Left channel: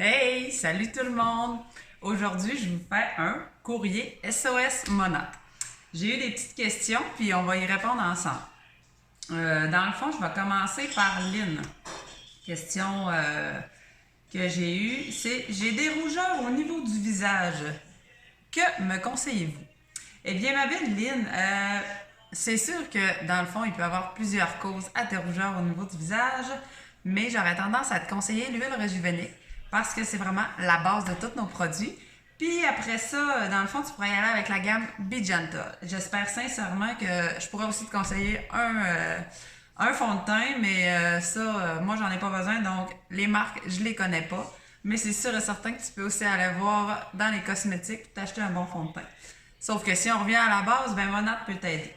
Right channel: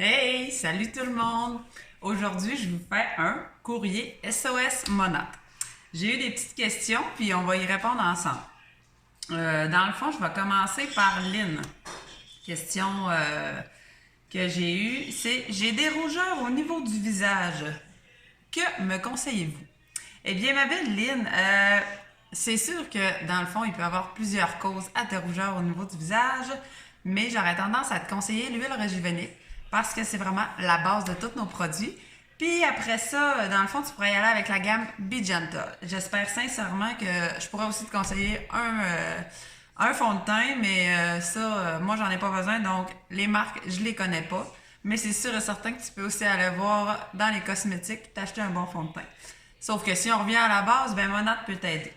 Hey, salut tout le monde! Aujourd'hui, je vous fais un courrier SOS Monat. J'ai eu des petites questions, puis on va y répondre ensemble. Dans le fond, je vais commencer par Lynn. Question que j'ai eue, c'est « J'ai des rougeurs au niveau du visage. Que me conseillez-vous? » Eh bien, ma belle Lynn, c'est sûr que dans le fond, il peut y avoir plusieurs causes à tes rougeurs au niveau du visage, mais j'aurais tendance à te conseiller l'huile régivenique parce que c'est vraiment la base de tous nos produits. Puis après ça, dans le fond, tu pourrais y aller avec la gamme Be Gentle. J'espère sincèrement que je pourrais aussi te conseiller un fond de teint, mais moi, j'en ai pas besoin. Donc, les marques, je les connais pas. Mais c'est sûr et certain que tu peux aussi aller voir dans les cosmétiques et t'acheter un bon fond de teint. Sauf que si on revient à la base, ben Monat peut t'aider.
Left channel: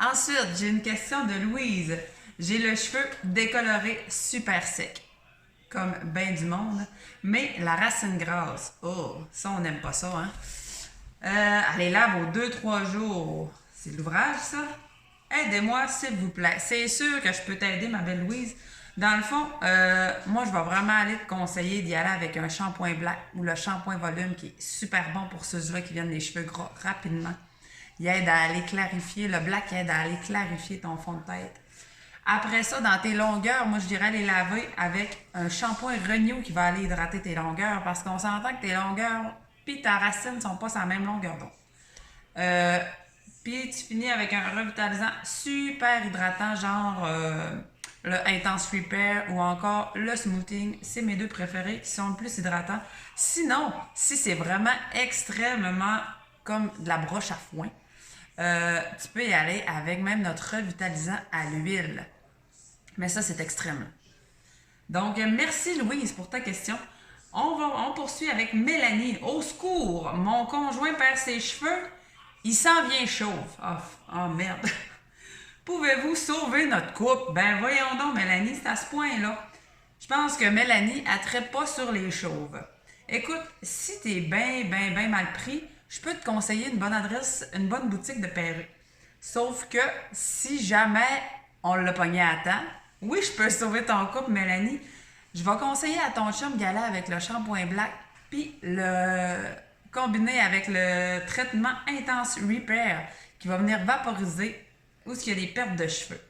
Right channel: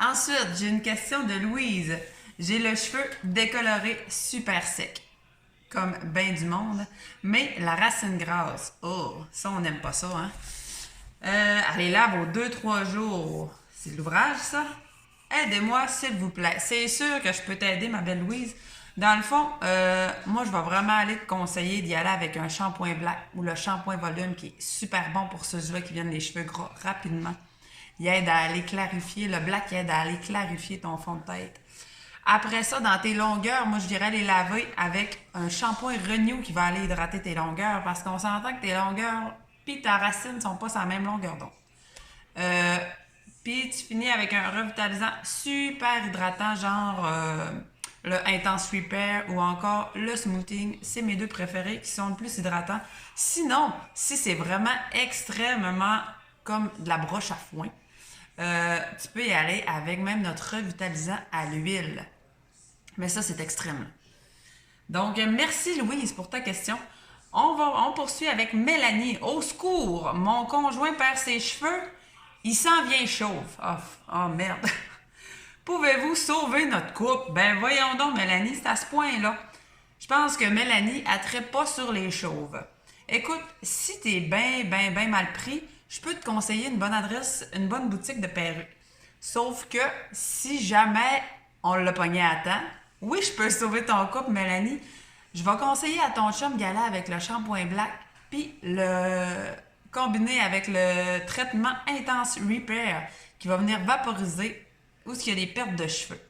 Ensuite, j'ai une question de Louise. J'ai le cheveu décoloré super sec, comme ben du monde, mais la racine grasse, oh, ça on n'aime pas ça, hein? Allez lave aux 2-3 jours. C'est de l'ouvrage, ça? Aidez-moi, s'il vous plaît. C'est sûr que je peux t'aider, ma belle Louise. Dans le fond, moi, je vais vraiment aller te conseiller d'y aller avec un shampoing black ou le shampoing volume qui est super bon pour ceux-là qui viennent les cheveux gras rapidement. Il aide à aller clarifier, le black aide à aller clarifier ton fond de tête. Après ça, dans tes longueurs, moi, je dirais les laver avec un shampoing Renew qui va aller hydrater tes longueurs parce qu'on s'entend que tes longueurs puis ta racine ne sont pas sur la même longueur d'onde. Puis tu finis avec un revitalisant super hydratant, genre le Intense Repair ou encore le Smoothing. C'est mes deux préférés qui sont le plus hydratants. Sinon, si c'est vraiment extrêmement comme de la broche à foin, tu peux y aller avec même notre revitalisant à l'huile. Mais ça, c'est extrême. Donc, merci Louise pour ta question. On poursuit avec Mélanie. Au secours, mon conjoint perd ses cheveux. Il s'en vient chauve. Oh merde. Pouvez-vous sauver notre couple? Ben voyons donc, Mélanie, c'est à ce point-là. Je pense que Mélanie, elle ne traite pas sur les chauves. Écoute, si t'es bien mal pris, je peux te conseiller une bonne adresse, une bonne boutique de perruques. Sauf que si jamais on l'a pogné à temps, oui, je peux sauver ton couple, Mélanie. Je vais conseiller à ton chum d'y aller avec le shampoing black, puis le combiner avec le traitement Intense Repair qui va venir vaporiser où il y a des pertes de cheveux.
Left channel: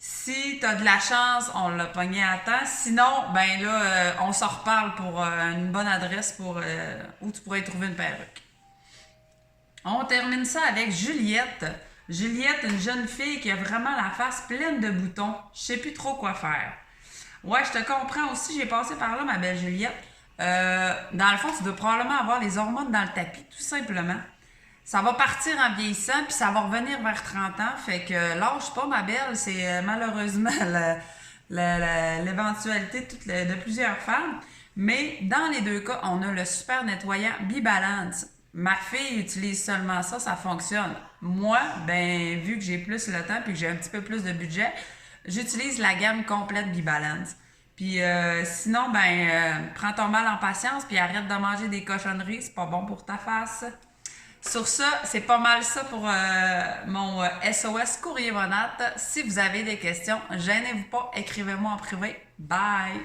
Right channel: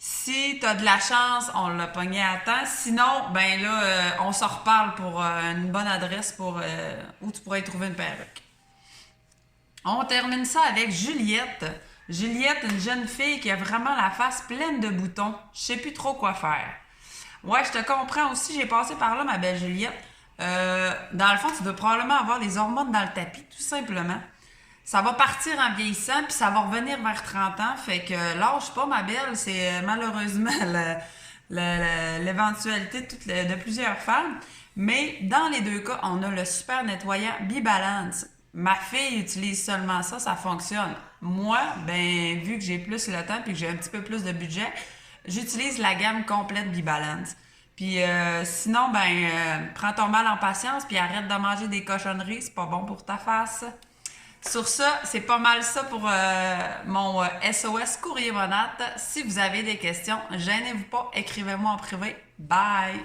Si tu as de la chance, on l'a pogné à temps. Sinon, ben là, on s'en reparle pour une bonne adresse pour où tu pourrais trouver une perruque. On termine ça avec Juliette. Juliette, une jeune fille qui a vraiment la face pleine de boutons. Je sais plus trop quoi faire. Ouais, je te comprends aussi. J'ai passé par là, ma belle Juliette. Dans le fond, tu dois probablement avoir les hormones dans le tapis, tout simplement. Ça va partir en vieillissant, puis ça va revenir vers 30 ans. Fait que lâche pas, ma belle. C'est malheureusement l'éventualité de plusieurs femmes. Mais dans les deux cas, on a le super nettoyant Be-Balance. Ma fille utilise seulement ça, ça fonctionne. Moi, ben vu que j'ai plus le temps et que j'ai un petit peu plus de budget, j'utilise la gamme complète Be-Balance. Puis sinon, prends ton mal en patience puis arrête de manger des cochonneries, c'est pas bon pour ta face. Sur ça, c'est pas mal ça pour mon SOS Courrier Monat. Si vous avez des questions, gênez-vous pas, écrivez-moi en privé. Bye!